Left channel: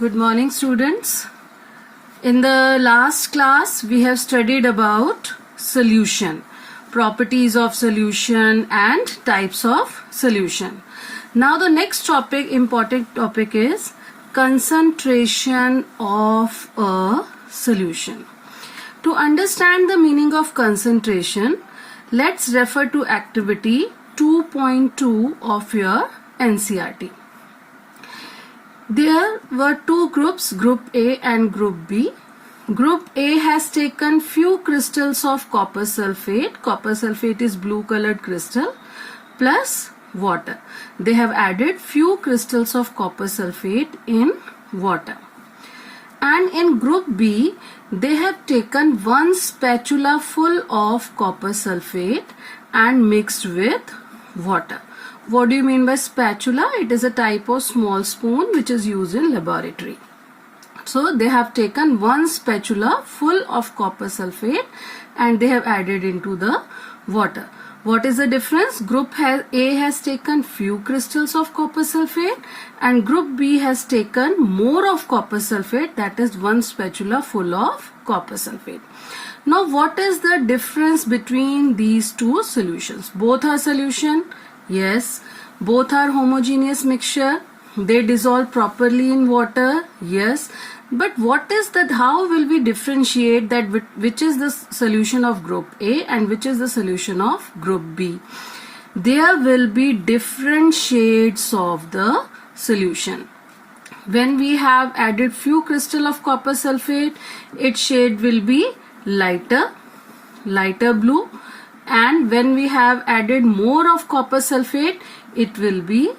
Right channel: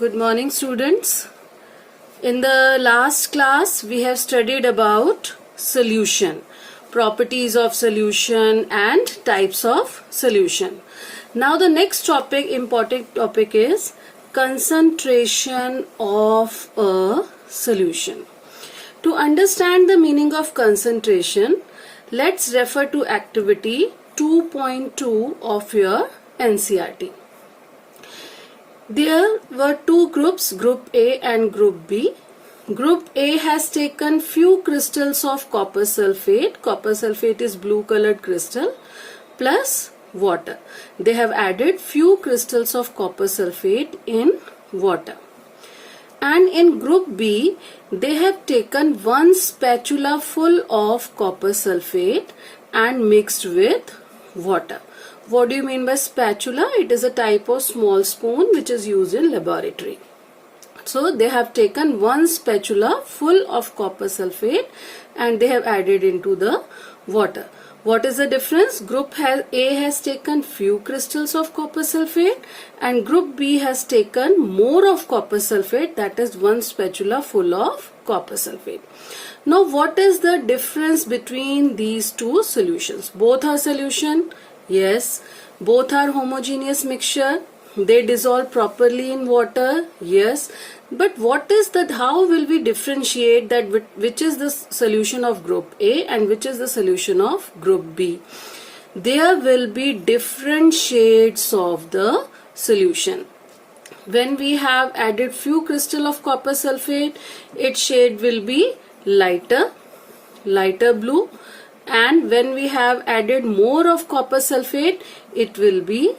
Good morning, students. In the last class, we have studied about solution, properties of solution and types of solution. Now the next topic, important topic, is concentration of a solution. To understand the meaning of concentration, let's refer to activity 2.2 of your NCERT. There were two groups, Group A and Group B. Group A has taken few crystals of copper sulfate. Copper sulfate is blue colored crystal plus water. They have added few crystals of copper sulfate in water. And in Group B, they have taken one spatula full of copper sulfate and mixed with water. What do you mean by spatula? It is a type of small spoon which is used in laboratory. So they have taken one spatula full of copper sulfate and they have added into the water. What is the difference? Group A has taken few crystals of copper sulfate and Group B has taken more of copper sulfate, that is one spatula full of copper sulfate. Now what is the difference between these two solutions? Both are solution. Yes. Both are homogeneous mixture. They dissolve properly in water. Yes. But what is that? How will we differentiate that which is the solution of Group A and which is the solution of Group B? There will be different shades of the solution. When we have added few crystal of copper sulfate, its shade will be lighter blue. And when we have added more of copper sulfate, it will be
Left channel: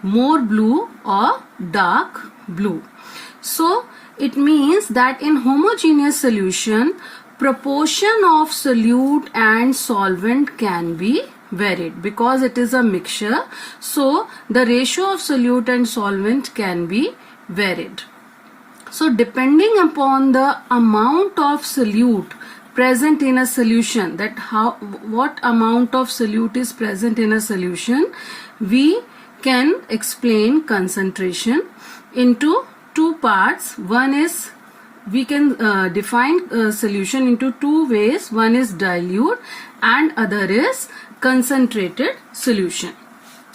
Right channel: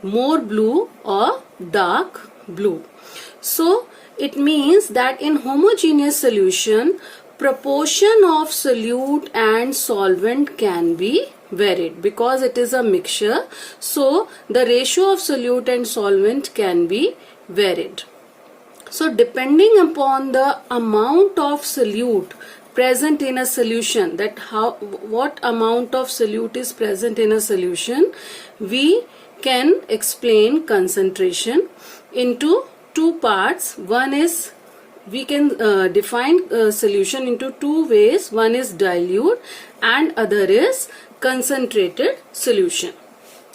more blue or dark blue. So it means that in homogeneous solution, proportion of solute and solvent can be varied because it is a mixture. So the ratio of solute and solvent can be varied. So depending upon the amount of solute present in a solution, what amount of solute is present in a solution, we can explain concentration into two parts. One is, we can define solution into two ways. One is dilute and other is concentrated solution.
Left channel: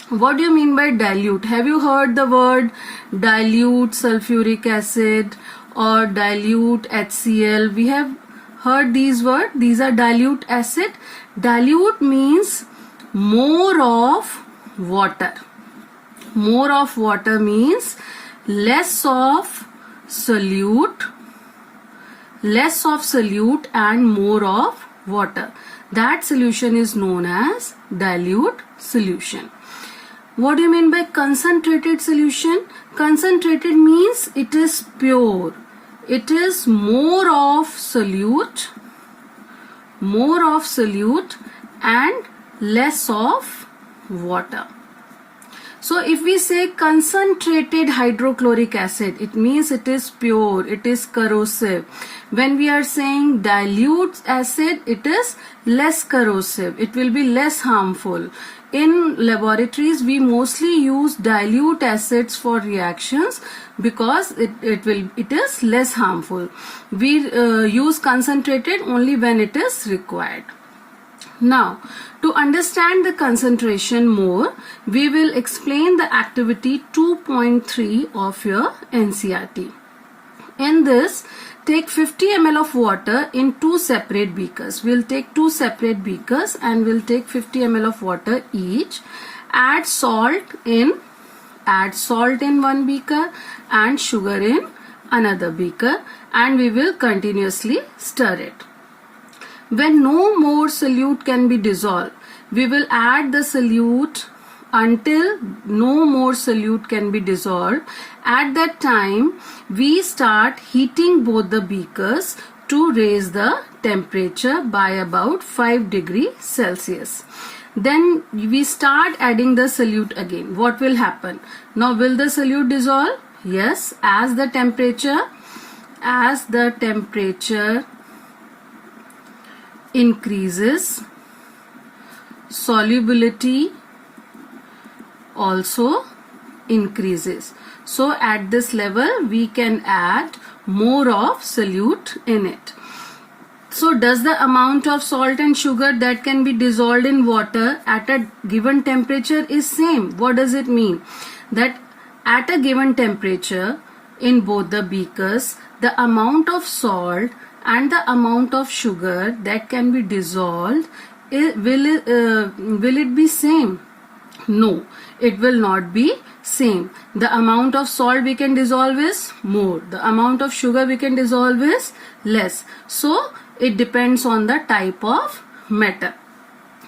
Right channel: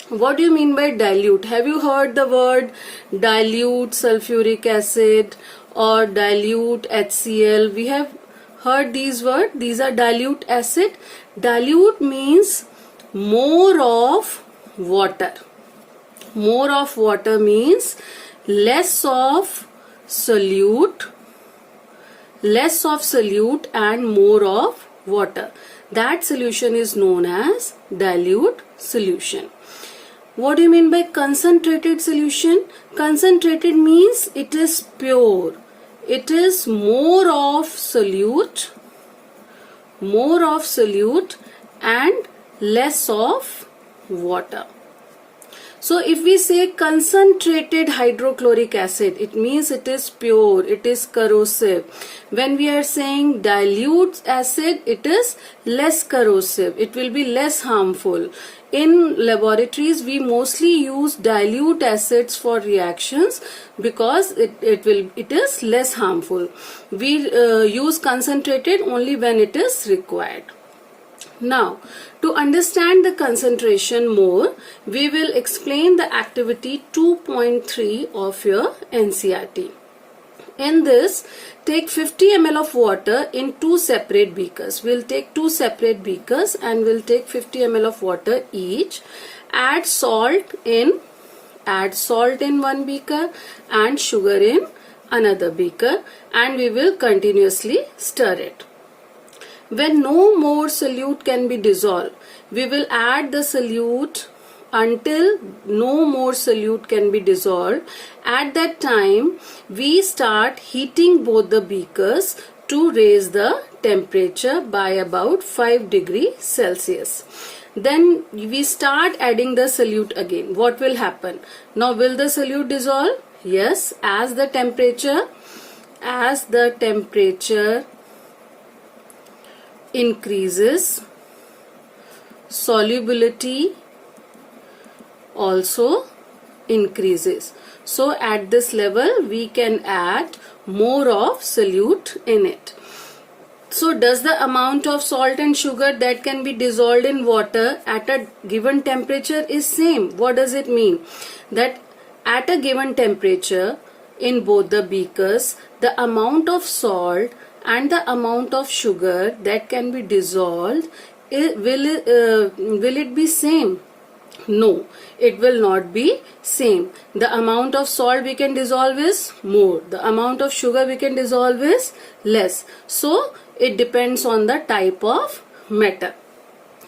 What do you mean by dilute? Have you heard the word dilute sulfuric acid or dilute HCl? We have heard these words. These are dilute acid. Dilute means more of water. More of water means less of solute and more of water. That solution is known as dilute solution. What do you mean by concentrated solution? Concentrated means it is pure. It is more of solute and less of water. So if we say concentrated hydrochloric acid, it means it is pure, it is corrosive. When we are saying dilute acid, it is less corrosive, it will be less harmful. In laboratories, we mostly use dilute acids for reactions because it is less harmful. We use concentrated only when it is required. Now, to understand the concentration more, we will explain the activity 2.3 of your NCERT. In this, take 50 ml of water in two separate beakers. We'll take two separate beakers and we'll take 50 ml of water each. Add salt in one beaker and sugar in another beaker, and we will continuously stir it. When no more solute can be dissolved, we will add the solute until no more solute can be dissolved. At that time, we start heating both the beakers to raise the temperature by about 5 degrees Celsius. Then we start adding the solute again. What will happen? Now will the solute dissolve? Yes, as the temperature increases, solubility also increases. So at this level we can add more of solute in it. So does the amount of salt and sugar that can be dissolved in water at a given temperature is same? What does it mean? That at a given temperature in both the beakers, the amount of salt and the amount of sugar that can be dissolved, will it be same? No, it will not be same. The amount of salt we can dissolve is more. The amount of sugar we can dissolve is less. So it depends on the type of metal.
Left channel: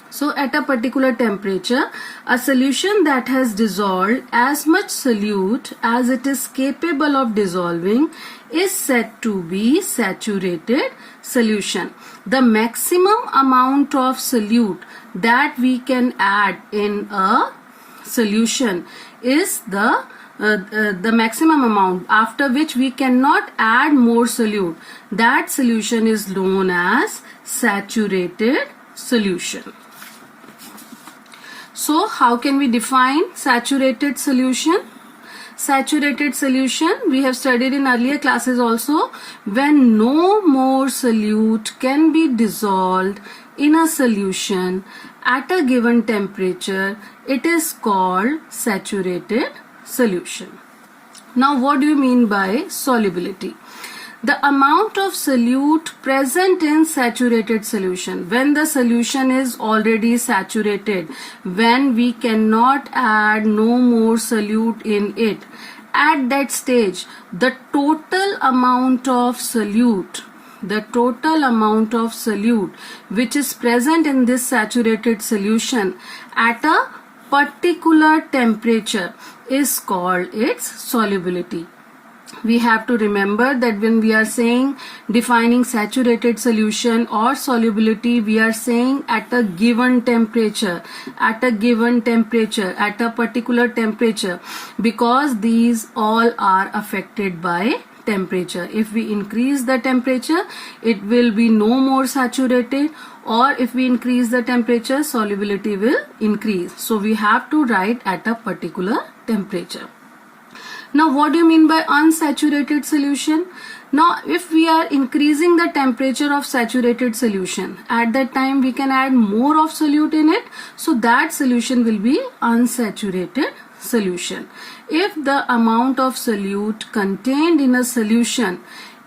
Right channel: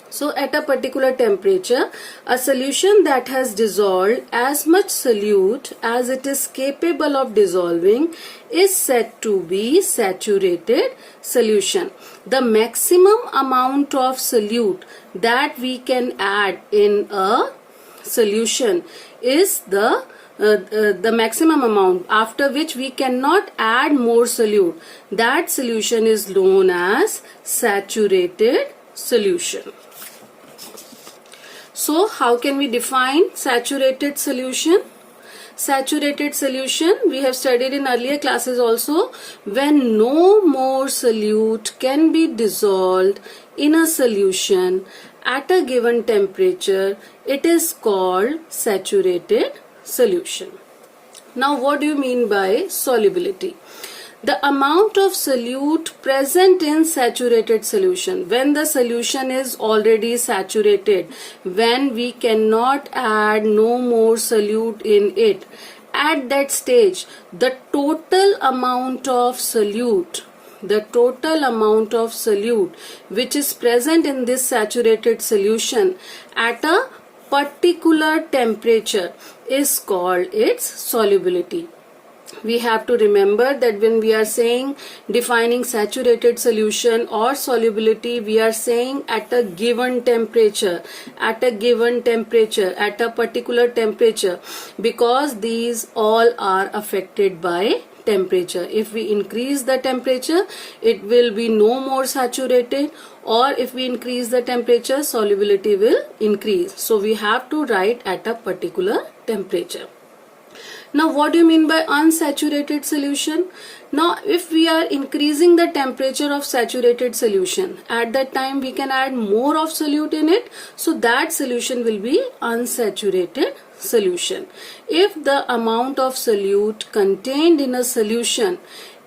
So at a particular temperature, a solution that has dissolved as much solute as it is capable of dissolving is said to be saturated solution. The maximum amount of solute that we can add in a solution is the maximum amount after which we cannot add more solute. That solution is known as saturated solution. So how can we define saturated solution? Saturated solution we have studied in earlier classes also. When no more solute can be dissolved in a solution at a given temperature, it is called saturated solution. Now what do you mean by solubility? The amount of solute present in saturated solution. When the solution is already saturated, when we cannot add no more solute in it, at that stage the total amount of solute which is present in this saturated solution at a particular temperature is called its solubility. We have to remember that when we are saying defining saturated solution or solubility, we are saying at a given temperature, at a particular temperature, because these all are affected by temperature. If we increase the temperature, it will be no more saturated, or if we increase the temperature, solubility will increase. So we have to write at a particular temperature. Now what do you mean by unsaturated solution? Now if we are increasing the temperature of saturated solution, at that time we can add more of solute in it, so that solution will be unsaturated solution. If the amount of solute contained in a solution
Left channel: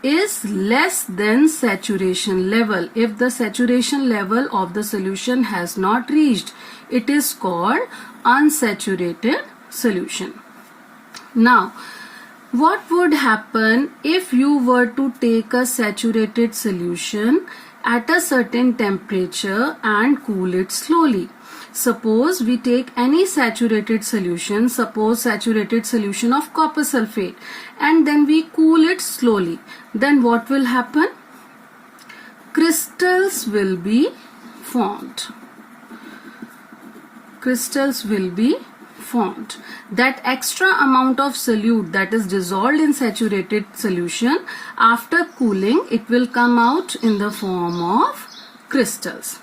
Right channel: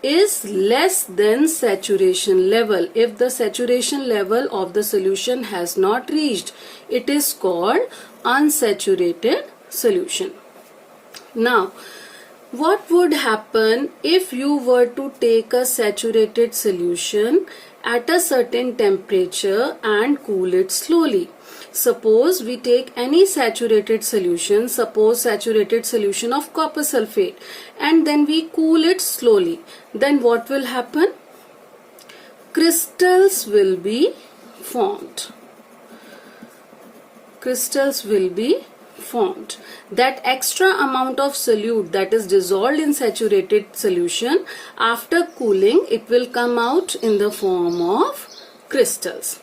is less than saturation level, if the saturation level of the solution has not reached, it is called unsaturated solution. Now, what would happen if you were to take a saturated solution at a certain temperature and cool it slowly? Suppose we take any saturated solution, suppose saturated solution of copper sulfate, and then we cool it slowly. Then what will happen? Crystals will be formed. Crystals will be formed. That extra amount of solute that is dissolved in saturated solution, after cooling it will come out in the form of crystals.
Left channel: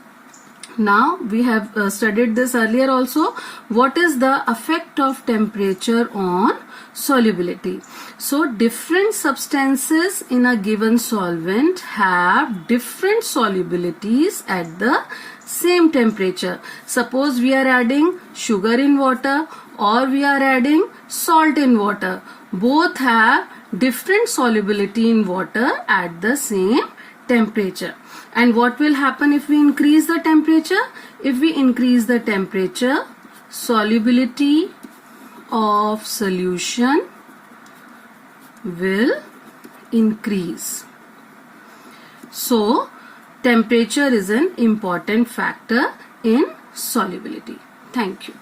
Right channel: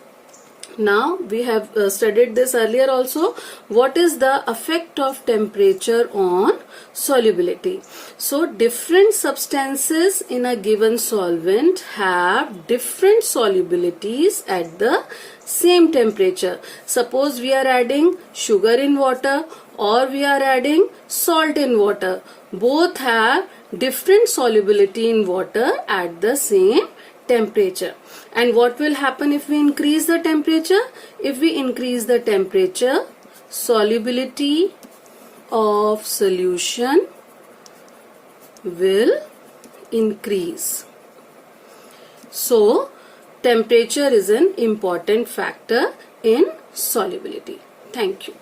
Now we have studied this earlier also. What is the effect of temperature on solubility? So different substances in a given solvent have different solubilities at the same temperature. Suppose we are adding sugar in water or we are adding salt in water. Both have different solubility in water at the same temperature. And what will happen if we increase the temperature? If we increase the temperature, solubility of solution will increase. So, temperature is an important factor in solubility. Thank you.